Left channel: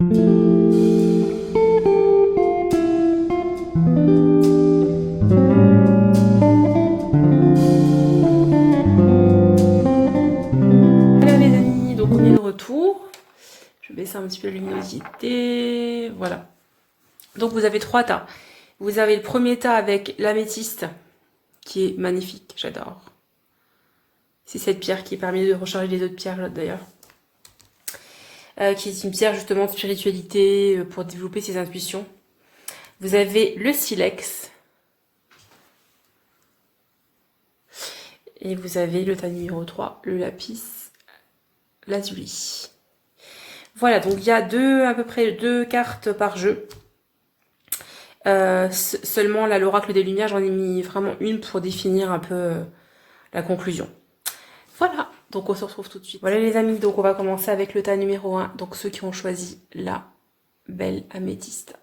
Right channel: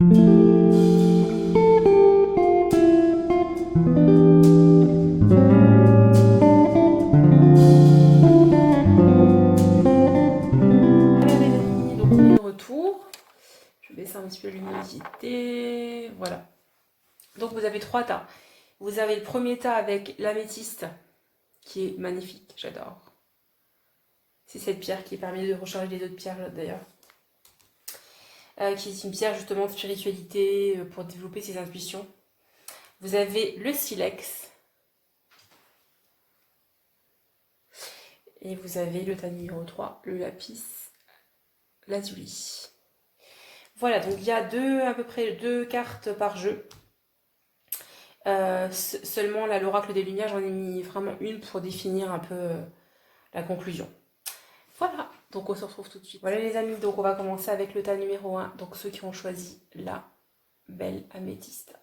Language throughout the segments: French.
les amis, donc on est de retour. Je vais baisser un petit peu la luminosité. Voilà. Donc vous avez 3 tas. Vous avez le premier tas avec l'améthyste, qui est magnifique, j'adore. C'est cette pierre qui permet de recharger les autres pierres là d'ailleurs. Qui est une pierre justement de spiritualité pour développer ses intuitions. Vous avez le silex. Et vous avez le tas numéro 3, le lapis lazuli. Voilà, donc il y a à peu près 2 cartes par jeu. Seulement là, l'oracle des lumières, j'en ai mis vraiment une pour définir un peu la conclusion. Voilà, donc on se retrouve tout de suite. Voilà les amis, donc on va commencer avec le tas numéro 1. Donc ceux qui ont choisi la belle améthyste.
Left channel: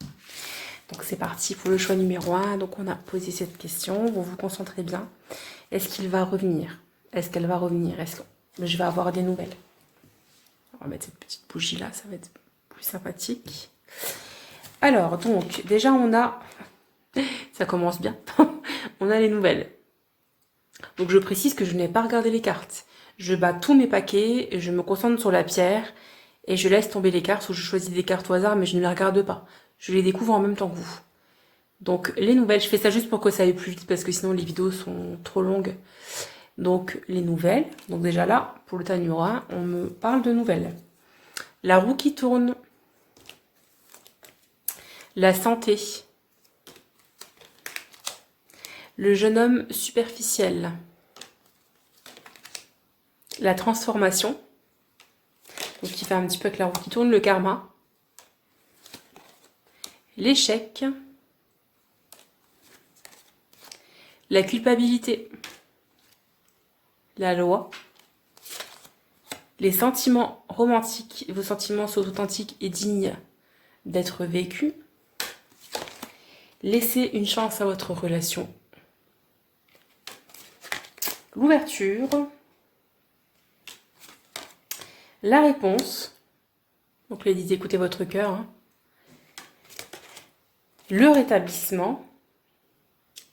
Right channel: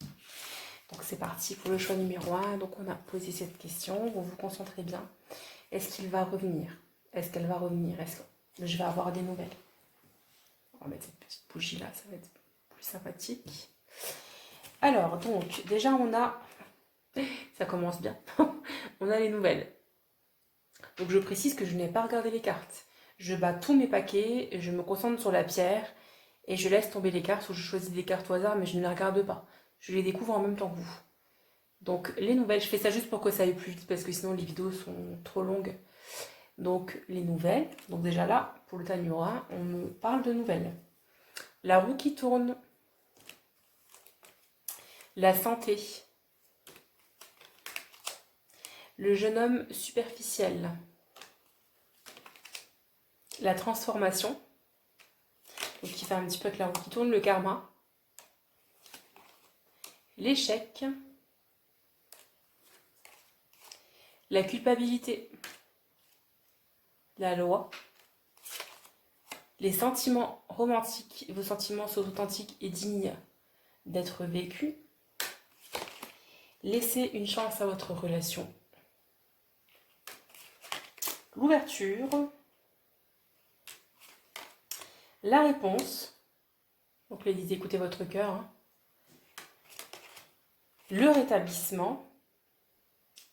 Donc c'est parti pour le choix numéro 1. Donc on a posé cette question, vous vous concentrez bien. Est-ce qu'il va revenir? Est-ce qu'elle va revenir? Est-ce que je vais avoir des nouvelles? On va mettre cette petite bougie là, ça va être plus sympathique. Alors donc déjà on a, ça commence bien, on a les nouvelles. Donc je précise que je n'ai pas regardé les cartes. Je bats tous mes paquets, je me concentre sur la pierre et je laisse tomber les cartes ou je choisis des cartes au hasard mais je ne les regarde pas. Je les découvre en même temps que vous. Donc les nouvelles, je fais ça juste pour que ça aille plus vite parce que sinon les vidéos sont trop longues. Donc les nouvelles, donc déjà là, pour le tas numéro 1, on me parle de nouvelles. La roue qui tourne. La santé. Le jeune homme superficiel. La transformation. Donc qui fait un petit peu avec la roue qui tourne, le karma. L'échec. La culpabilité. La loi. Les sentiments romantiques. Vos sentiments sont authentiques et dignes d'être vécus. Laissez une chance à votre relation. L'ouverture. La réponse. Donc les dites, écoutez votre cœur. Hein. Le rétablissement.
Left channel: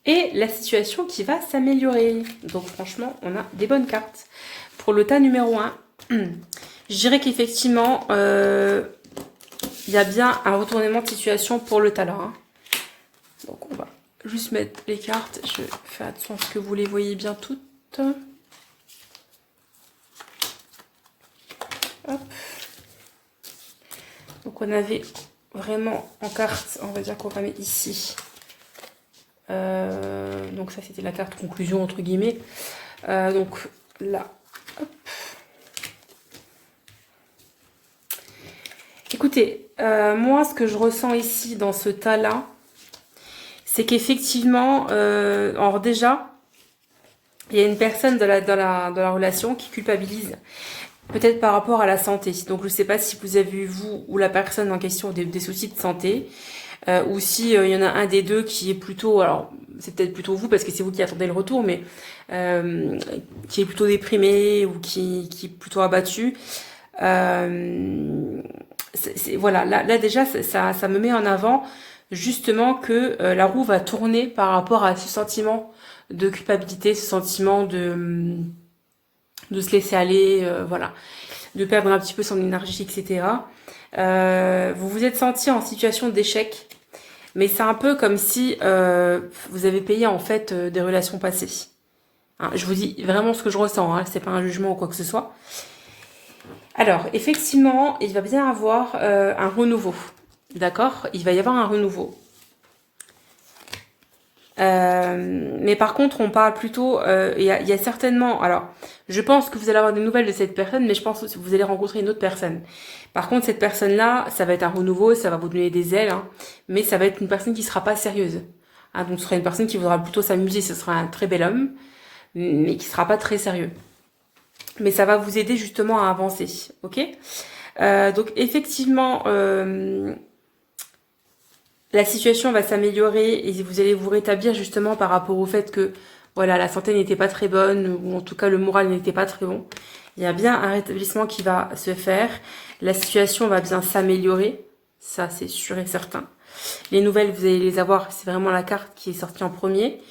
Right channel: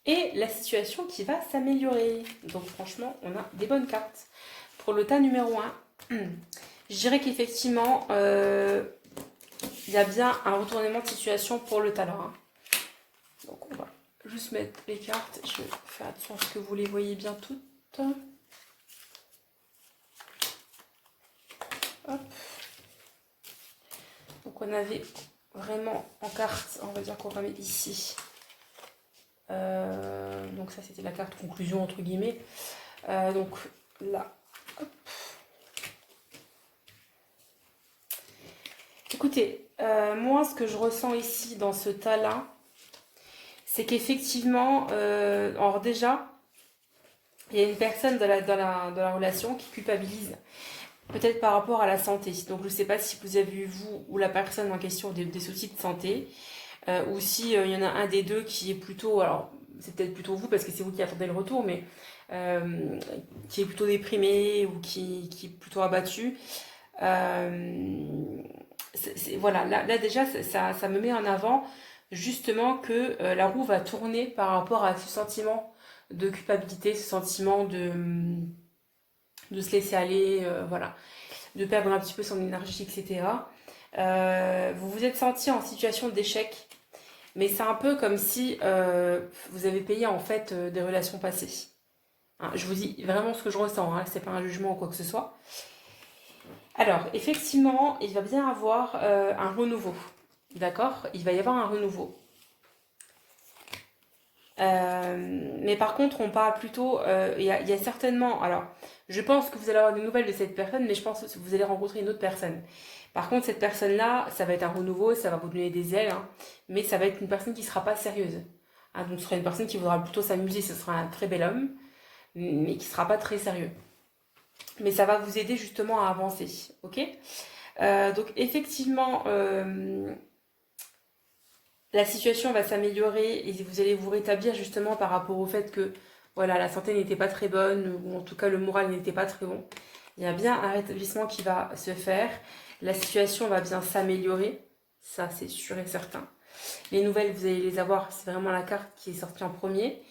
Et la situation qui va s'améliorer. Donc franchement, on a des bonnes cartes. Pour le tas numéro 1, je dirais qu'effectivement, il y a bien un retournement de situation pour le tas là. Hein. Donc on va juste mettre les cartes. Je fais attention à ce que vous les voyez bien toutes. Hop. Donc on avait vraiment en carte, on va dire qu'on va mettre ici. Donc ça c'était la carte conclusion entre guillemets. Donc là, hop. Écoutez, moi ce que je ressens ici dans ce tas là, c'est qu'effectivement, alors déjà, il y a une personne dans la relation qui culpabilise, peut-être par rapport à la santé. Donc je ne sais pas si vous avez eu, vous ou la personne en question, des soucis de santé, ou si il y en a un des deux qui est plutôt, alors c'est peut-être plutôt vous parce que c'est vous qui attendez le retour, mais qui est plutôt déprimé ou qui est plutôt abattu. Voilà, là déjà ça me met en avant justement que la roue va tourner par rapport à ce sentiment de culpabilité, ce sentiment de se laisser aller, voilà, de perdre un petit peu son énergie, etc. Vous vous êtes senti en situation d'échec, mais c'est un peu comme si vous avez payé en fait des relations passées. Hein, je vous dis vraiment ce que je ressens, hein, c'est pas un jugement ou quoi que ce soit. Alors, effectivement, il va bien avoir un renouveau. D'accord? Il va y avoir un renouveau. Mais par contre, on parle plutôt... Il y a certainement... Alors, je pense que vous allez avoir des nouvelles de cette personne, mais je pense que vous allez rencontrer une autre personne. Par contre, cette personne-là, ça va être un renouveau, ça va vous donner des ailes, hein, mais ça va être une personne qui ne sera pas sérieuse. Hein, donc, ce sera une personne qui voudra plutôt s'amuser, ce sera un très bel homme, mais qui ne sera pas très sérieux. Mais ça va vous aider justement à avancer, ok? Donc effectivement, la situation va s'améliorer et vous allez vous rétablir justement par rapport au fait que voilà, la santé n'était pas très bonne ou en tout cas le moral n'était pas très bon. Il y a bien un rétablissement qui va se faire. La situation va bien s'améliorer. Ça, c'est sûr et certain. Les nouvelles, vous allez les avoir. C'est vraiment la carte qui est sortie en premier.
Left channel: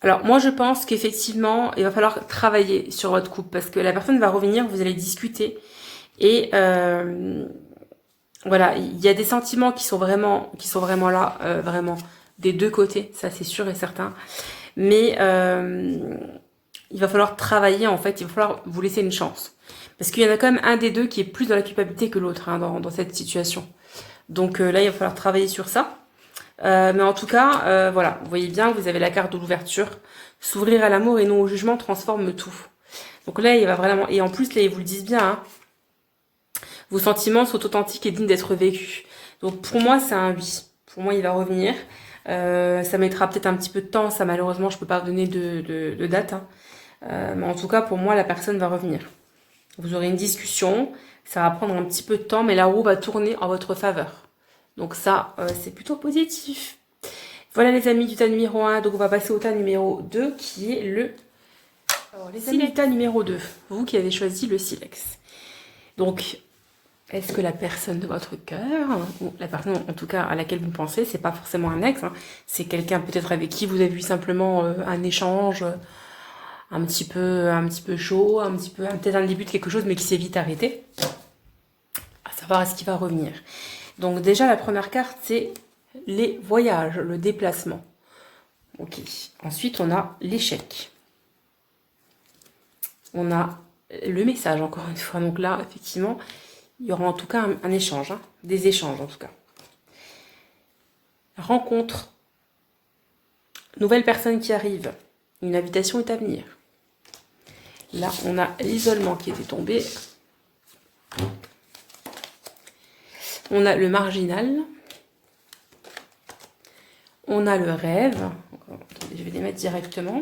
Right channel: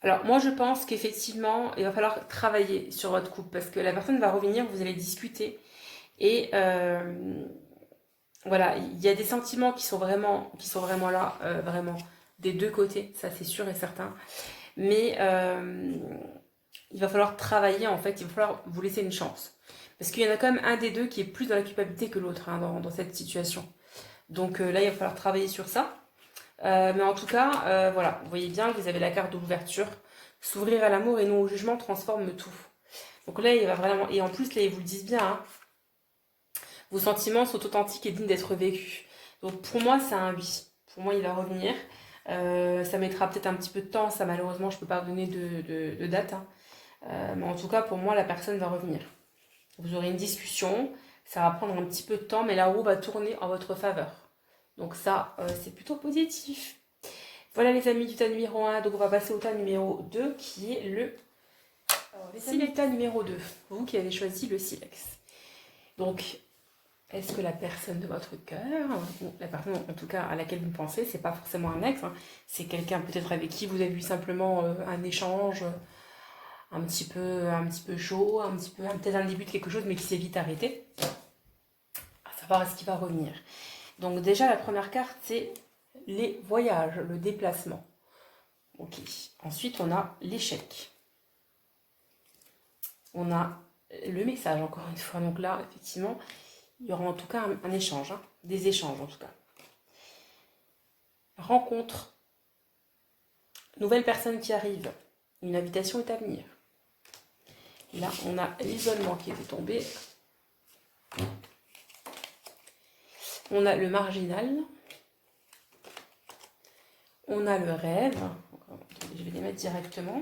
Alors, moi, je pense qu'effectivement, il va falloir travailler sur votre couple parce que la personne va revenir, vous allez discuter. Et voilà, il y a des sentiments qui sont vraiment là, vraiment des deux côtés, ça c'est sûr et certain. Mais il va falloir travailler en fait, il va falloir vous laisser une chance. Parce qu'il y en a quand même un des deux qui est plus dans la culpabilité que l'autre hein, dans cette situation. Donc là, il va falloir travailler sur ça. Mais en tout cas, voilà, vous voyez bien, vous avez la carte de l'ouverture. S'ouvrir à l'amour et non au jugement transforme tout. Donc là, il va vraiment... Et en plus, là, ils vous le disent bien, hein, vos sentiments sont authentiques et dignes d'être vécus. Donc pour moi, c'est un oui. Pour moi, il va revenir. Ça mettra peut-être un petit peu de temps. Ça, malheureusement, je ne peux pas vous donner de date. Hein. Mais en tout cas, pour moi, la personne va revenir. Vous aurez une discussion. Ça va prendre un petit peu de temps, mais la roue va tourner en votre faveur. Donc ça, c'est plutôt positif. Voilà les amis du tas numéro 1. Donc on va passer au tas numéro 2 qui est le tas numéro 2. Vous qui avez choisi le silex. Donc, est-ce que la personne de votre cœur, ou la personne en tout cas à laquelle vous pensez, c'est pas forcément un ex, hein, c'est quelqu'un peut-être avec qui vous avez eu simplement un échange un petit peu chaud, peut-être un début de quelque chose mais qui s'est vite arrêté. À savoir est-ce qu'il va revenir. Donc déjà la première carte c'est les voyages, le déplacement. Ok. Ensuite on a l'échec. On a le message encore une fois. Donc là effectivement il y aura en tout cas un échange, hein, des échanges en tout cas. Rencontre. Nouvelle personne qui arrive. Une invitation est à venir. Là, on a l'isolement qui était tombé. On a le marginal. On a le rêve. Attendez, je vais les mettre directement.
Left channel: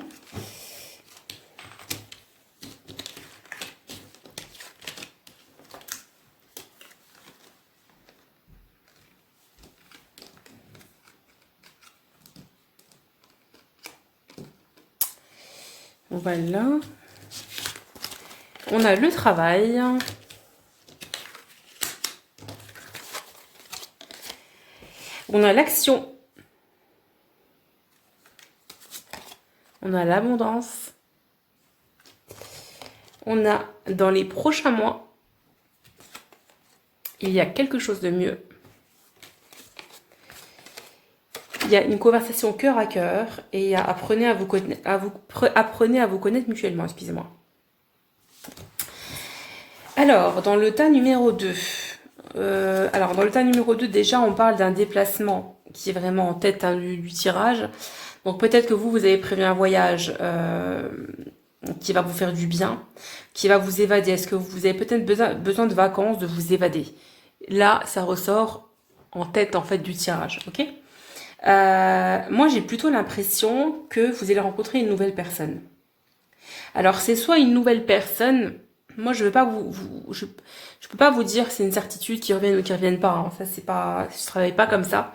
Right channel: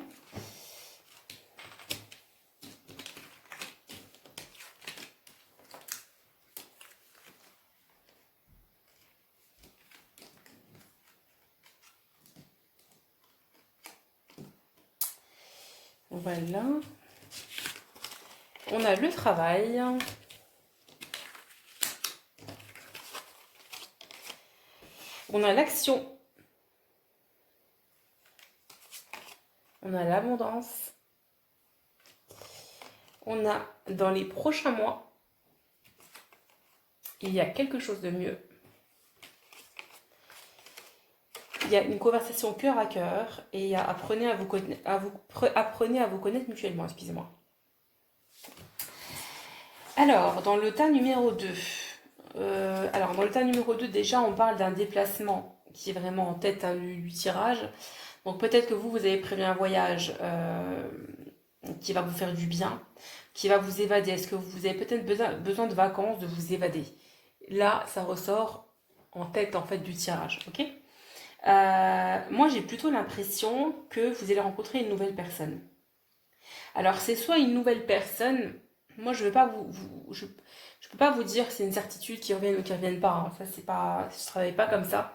Voilà. On a le travail. On a l'action. On a l'abondance. On a dans les prochains mois, il y a quelque chose de mieux. Il y a une conversation cœur à cœur et il y a apprenez à vous connaître mutuellement, excusez-moi. Alors, dans le tas numéro 2, déjà, on parle d'un déplacement qui est vraiment en tête hein, du tirage. Donc, peut-être que vous avez prévu un voyage qui va vous faire du bien, qui va vous évader. Est-ce que vous avez peut-être besoin de vacances, de vous évader? Là, ça ressort en tête, en fait, du tirage, ok? Moi, j'ai plutôt l'impression que vous allez rencontrer une nouvelle personne. Alors, c'est soit une nouvelle personne... Moi, je ne peux pas vous dire c'est une certitude qu'ils reviennent ou qu'ils ne reviennent pas. Hein. Ça, c'est pas, je ne travaille pas comme ça.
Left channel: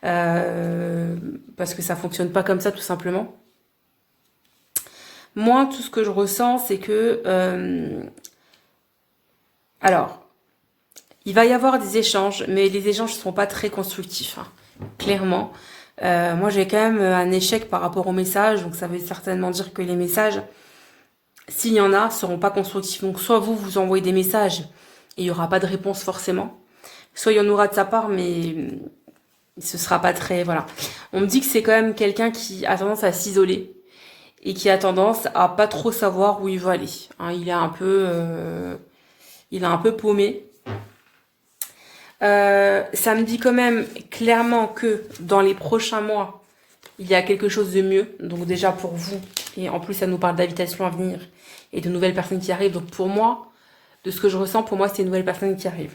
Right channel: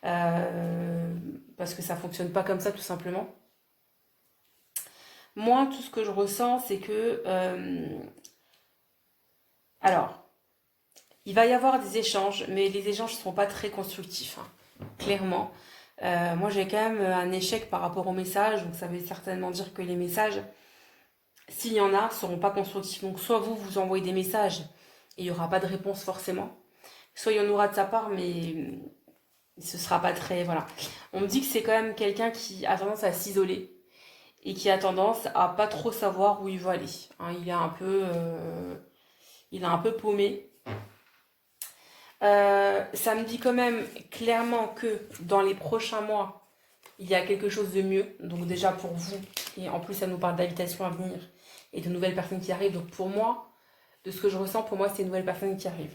Parce que ça ne fonctionne pas comme ça, tout simplement. Moi, tout ce que je ressens, c'est que... alors, il va y avoir des échanges, mais les échanges ne seront pas très constructifs. Hein, clairement. Moi, j'ai quand même un échec par rapport aux messages. Donc, ça veut certainement dire que les messages... s'il y en a, ne seront pas constructifs. Donc, soit vous envoyez des messages et il n'y aura pas de réponse forcément. Soit il y en aura de sa part, mais ce ne sera pas très... Voilà. On me dit que c'est quand même quelqu'un qui a tendance à s'isoler et qui a tendance à pas trop savoir où il va aller. Hein, il est un peu paumé. Ça me dit quand même clairement que dans les prochains mois, il y a quelque chose de mieux. Donc déjà pour vous, et en plus ça nous parle d'invitations à venir et de nouvelles personnes qui arrivent. Donc pour moi, de ce que je ressens, pour moi c'est une nouvelle personne qui arrive.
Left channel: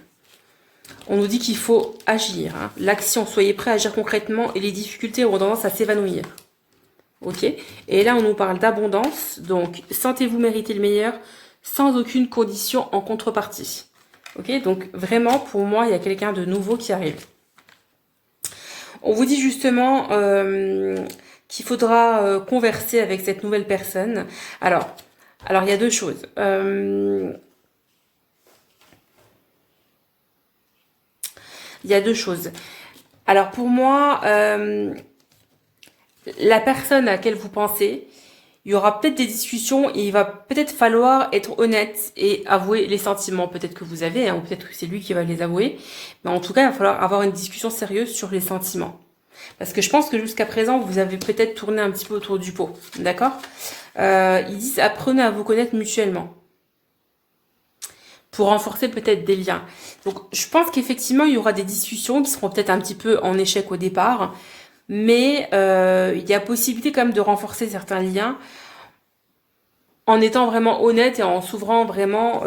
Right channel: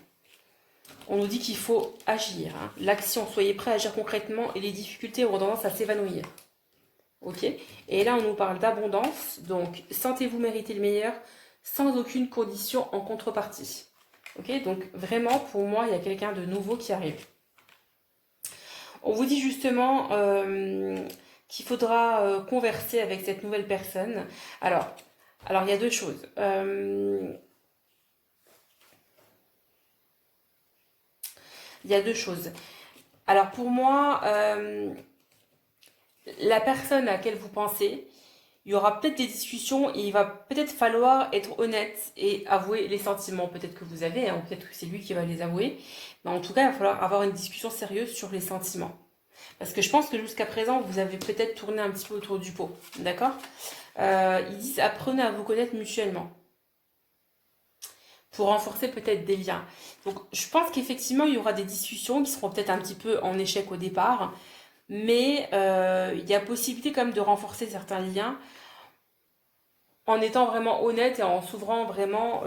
On nous dit qu'il faut agir. Hein. L'action, soyez prêts à agir concrètement et les difficultés auront tendance à s'évanouir. Ok. Et là on nous parle d'abondance. Donc sentez-vous mériter le meilleur sans aucune condition en contrepartie. Ok. Donc vraiment pour moi il y a quelqu'un de nouveau qui arrive. On vous dit justement qu'il faudra converser avec cette nouvelle personne. Alors il y a deux choses. Il y a deux choses. Alors pour moi, la personne à laquelle vous pensez, il y aura peut-être des discussions et il va peut-être falloir être honnête et avouer les sentiments peut-être que vous avez, hein, ou peut-être que c'est lui qui va les avouer. Mais en tout cas, il va falloir avoir une discussion sérieuse sur les sentiments. Parce que je pense que jusqu'à présent, vous avez peut-être tourné un petit peu autour du pot. D'accord? Ils disent apprenez à vous connaître mutuellement. Pour renforcer peut-être des liens. Donc je pense qu'effectivement, il y aura des discussions qui seront peut-être un petit peu en échec au départ. Mais il y a possibilité quand même de renforcer certains liens en étant vraiment honnête et en s'ouvrant vraiment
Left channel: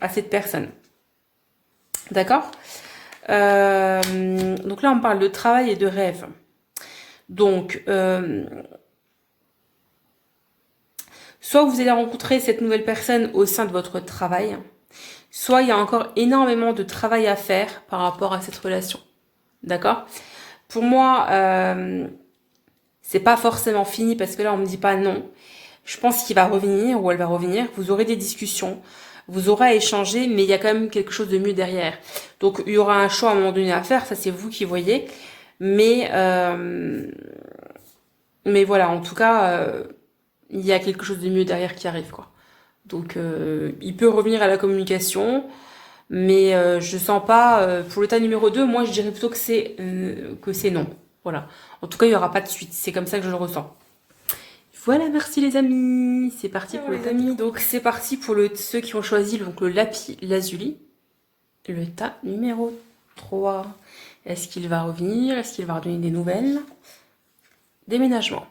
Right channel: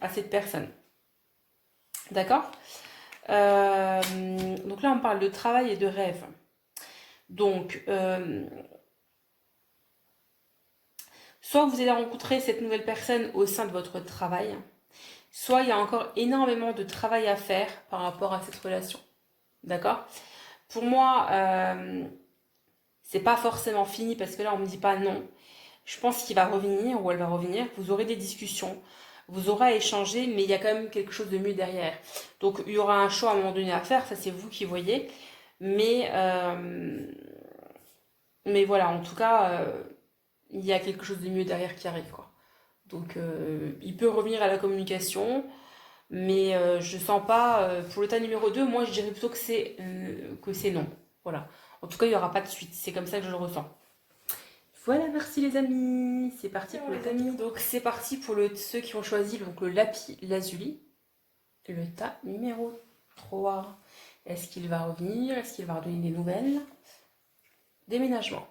à cette personne. D'accord? Donc là, on parle de travail et de rêve. Donc, soit vous allez rencontrer cette nouvelle personne au sein de votre travail, soit il y a encore énormément de travail à faire par rapport à cette relation. D'accord? Pour moi, c'est pas forcément fini parce que là, on me dit pas non. Je pense qu'il va revenir ou elle va revenir. Vous aurez des discussions, vous aurez à échanger, mais il y a quand même quelque chose de mieux derrière. Donc, il y aura un choix à un moment donné à faire. Ça, c'est vous qui voyez. Mais voilà, en tout cas, il y a quelque chose de mieux derrière qui arrive, quoi. Donc, il peut revenir à la communication. Mais je sens pas, pour le tas numéro 2, moi je dirais plutôt que c'est non. Voilà. En tout cas, il n'y aura pas de suite. C'est comme ça que je le ressens. Voilà, merci les amis. C'est parti pour les amis. Donc c'est parti pour ceux qui ont choisi donc, le lapis lazuli. Le tas numéro 3. Est-ce qu'il va revenir? Est-ce qu'il va redonner des nouvelles? Déménagement.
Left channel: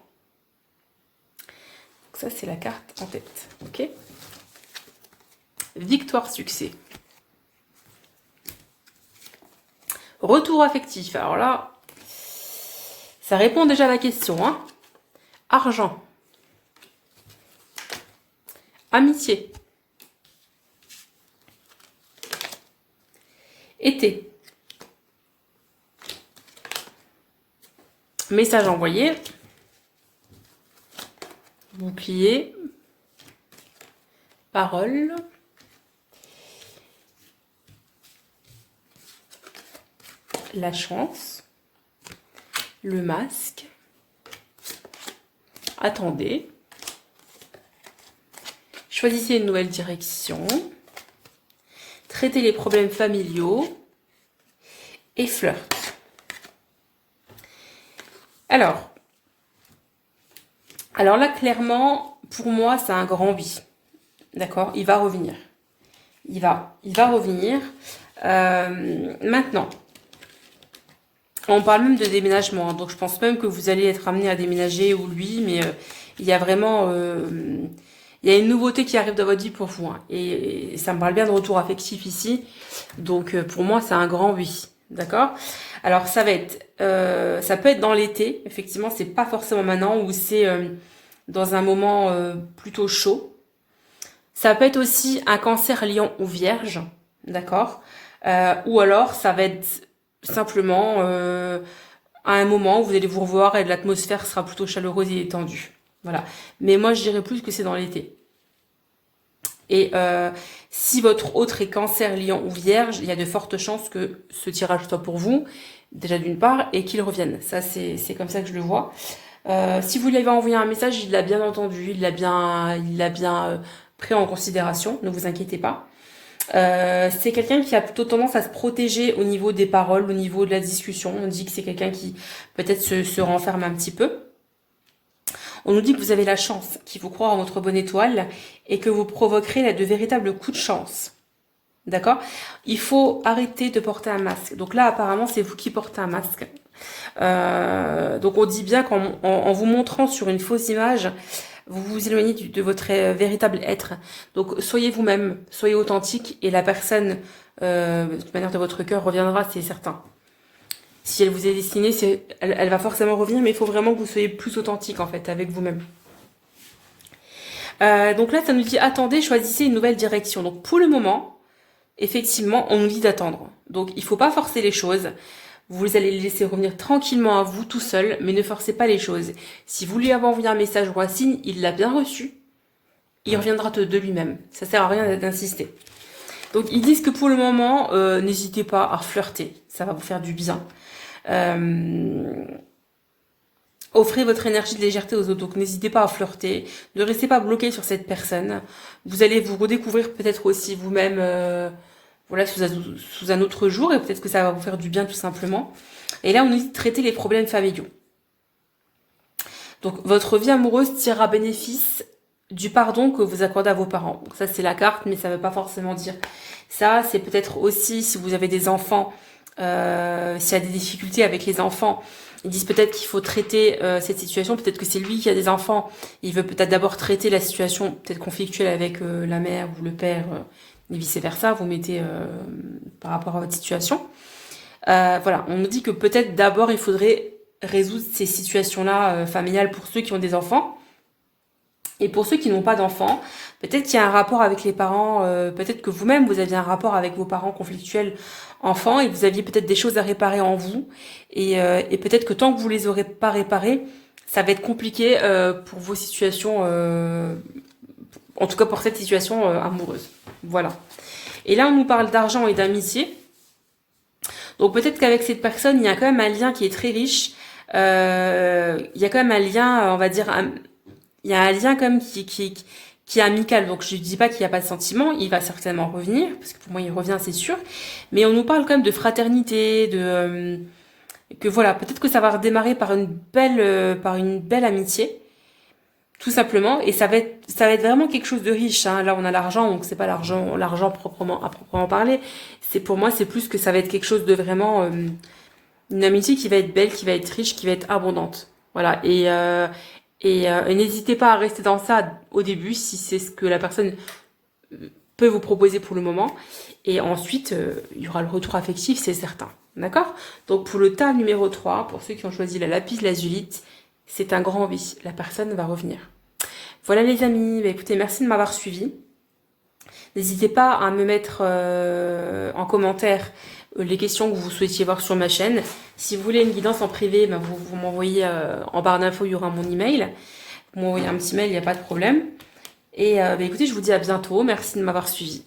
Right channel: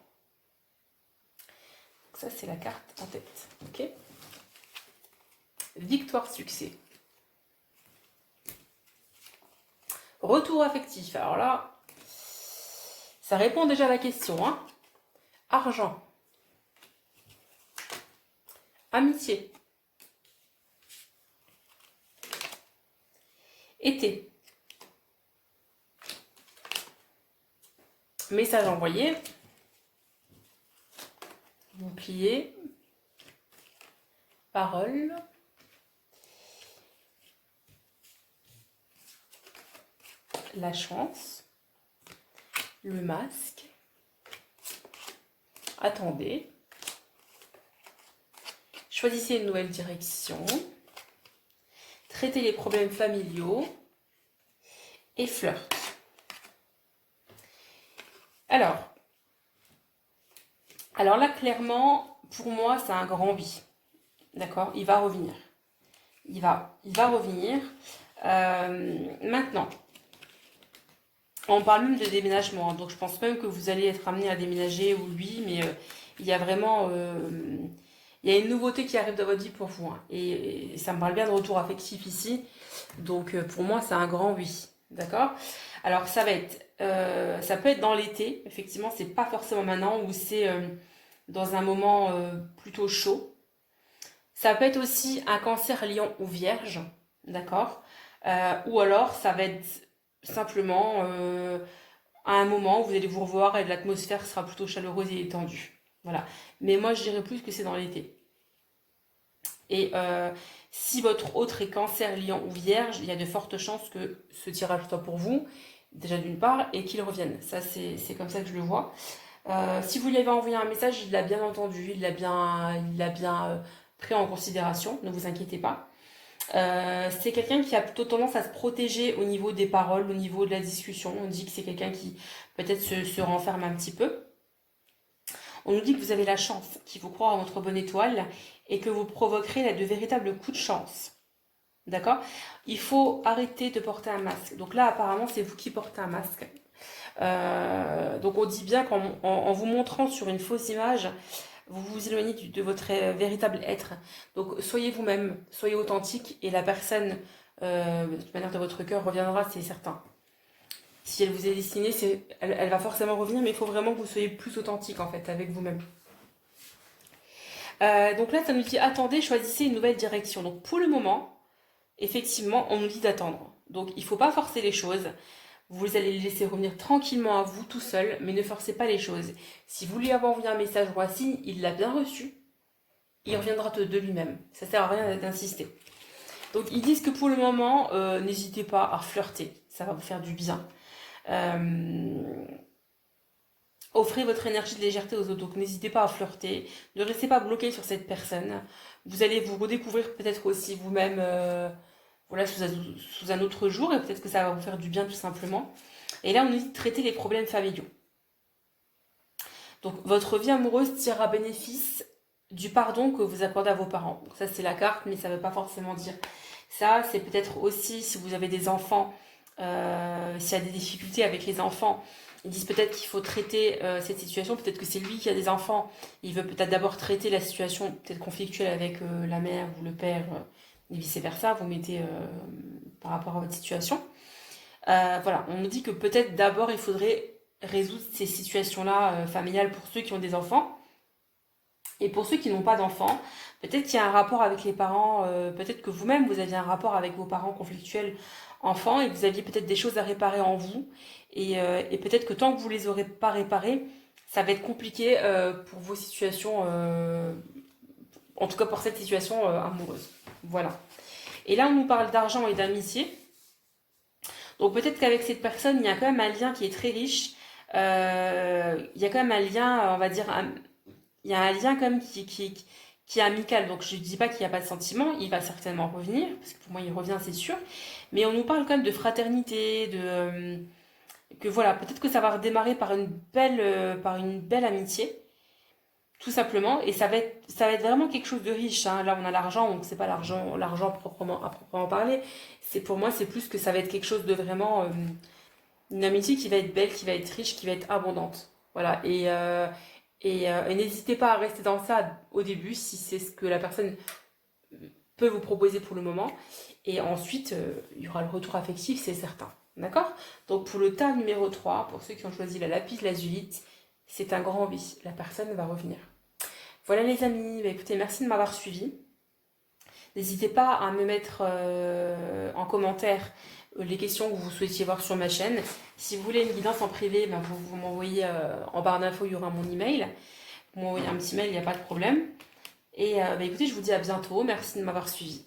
Donc ça, c'est la carte en tête. Ok. Victoire, succès. Retour affectif. Alors là, ça répond déjà à la question. Hein. Argent. Amitié. Été. Message envoyé. Bouclier. Parole. La chance. Le masque. Attendez. Choisissez une nouvelle direction. Traitez les problèmes familiaux. Et flirt. Alors là, clairement, pour moi, c'est un grand oui. D'accord? Il va revenir. Il va revenir. Maintenant, on parle même de déménagement. Donc, je pense même que vous allez être amené à déménager ou lui. Mais il y a vraiment... il y a une nouveauté qui arrive dans votre vie pour vous. Hein. Et ça me parle bien de retour affectif ici. Donc, pour moi, c'est un grand oui. D'accord? Alors, ça va être... ça peut être dans l'été. Effectivement, c'est pas forcément maintenant ou c'est dans un moment plutôt chaud. Ça peut être aussi un cancer, lion ou vierge. D'accord? Ou alors, ça va être simplement à un moment où vous allez vous revoir et l'atmosphère sera plutôt chaleureuse et étendue. Voilà. Mais moi, je dirais plus que c'est dans l'été. Et si votre autre est cancer, lion ou vierge, il y a de fortes chances que ce tirage soit pour vous, déjà d'une part, et qu'il revienne. Ça, c'est comme ça que je le vois. Si vous lui avez envoyé un message, il l'a bien entendu, il l'a bien pris en considération, ne vous inquiétez pas. C'est quelqu'un qui a plutôt tendance à se protéger au niveau des paroles, au niveau de la discussion. On dit que c'est quelqu'un qui peut-être se renferme un petit peu. On nous dit que vous avez la chance, qu'il faut croire en votre bonne étoile et que vous provoquerez de véritables coups de chance. D'accord? Il faut arrêter de porter un masque. Donc là, apparemment, c'est vous qui portez un masque. Donc on dit bien qu'en vous montrant sur une fausse image, vous vous éloignez de votre véritable être. Donc soyez vous-même, soyez authentique et la personne, de toute manière de votre cœur, reviendra, c'est certain. Si elle vous est destinée, elle va forcément revenir, mais il faut vraiment que vous soyez plus authentique en fait avec vous-même. Donc là, ça nous dit attendez, choisissez une nouvelle direction. Donc pour le moment, effectivement, on nous dit d'attendre. Donc il ne faut pas forcer les choses. Vous allez le laisser revenir tranquillement à vous, tout seul, mais ne forcez pas les choses. Si vous lui avez envoyé un message ou un signe, il l'a bien reçu, il reviendra de lui-même. Ça sert à rien d'insister. Donc ils disent que pour le moment, n'hésitez pas à flirter, ça va vous faire du bien. Offrez votre énergie de légèreté aux autres, donc n'hésitez pas à flirter, ne restez pas bloqué sur cette personne. Vous allez vous redécouvrir peut-être aussi vous-même voilà, sous un autre jour, et peut-être que ça va vous faire du bien tout simplement. Et là, on nous dit de traiter les problèmes familiaux. Donc votre vie amoureuse tirera bénéfice du pardon que vous accordez à vos parents. Donc ça, c'est la carte, mais ça ne veut pas forcément dire ça. C'est peut-être aussi, si vous avez des enfants, s'il y a des difficultés avec les enfants, ils disent peut-être qu'il faut traiter cette situation. Peut-être que c'est lui qui a des enfants. Il veut peut-être d'abord traiter la situation peut-être conflictuelle avec la mère ou le père, et vice-versa. Vous mettez par rapport à votre situation. Voilà, on nous dit que peut-être d'abord, il faudrait résoudre ces situations-là familiales pour ceux qui ont des enfants. Et pour ceux qui n'ont pas d'enfants, peut-être qu'il y a un rapport avec les parents, peut-être que vous-même, vous aviez un rapport avec vos parents conflictuels enfants et vous aviez peut-être des choses à réparer en vous. Et peut-être que tant que vous les aurez pas réparées, ça va être compliqué pour vos situations, en tout cas pour cette situation amoureuse. Voilà. Et là, on nous parle d'argent et d'amitié. Donc peut-être qu'avec cette personne, il y a quand même un lien qui est très riche. Il y a quand même un lien, on va dire... il y a un lien quand même qui est amical. Donc je ne dis pas qu'il n'y a pas de sentiment, il va certainement revenir, parce que pour moi il revient, c'est sûr. Mais on nous parle quand même de fraternité, que voilà, peut-être que ça va redémarrer par une belle amitié, tout simplement. Et ça va être vraiment quelque chose de riche. Hein. Là on a l'argent, donc c'est pas l'argent à proprement parler. Pour moi c'est plus que ça va être quelque chose de vraiment une amitié qui va être belle, qui va être riche, qui va être abondante. Voilà. Et n'hésitez pas à rester dans ça au début si c'est ce que la personne peut vous proposer pour le moment. Et ensuite, il y aura le retour affectif, c'est certain. D'accord? Donc pour le tas numéro 3, pour ceux qui ont choisi la lapis lazulite, c'est un grand oui. La personne va revenir. Voilà les amis, bah, écoutez, merci de m'avoir suivi. N'hésitez pas à me mettre en commentaire les questions que vous souhaitiez voir sur ma chaîne. Si vous voulez une guidance en privé, ben vous m'envoyez en barre d'infos, il y aura mon email. Vous m'envoyez un petit mail, il n'y a pas de problème. Et écoutez, je vous dis à bientôt. Merci de m'avoir suivi.